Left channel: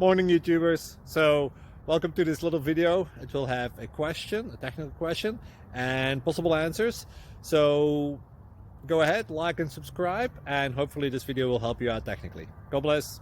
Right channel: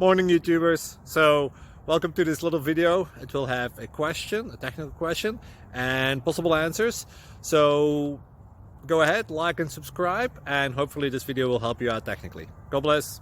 Morning YouTubers. So welcome to this little video. It will have a question, a technical question, and possible answers. So go ahead, like and subscribe, and hopefully this video will help you out technically. God bless.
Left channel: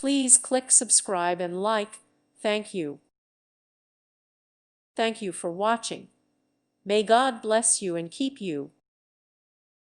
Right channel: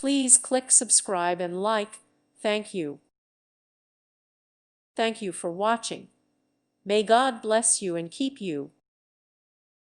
Please click subscribe and like. Thank you. Thank you for watching. May God bless you and keep you.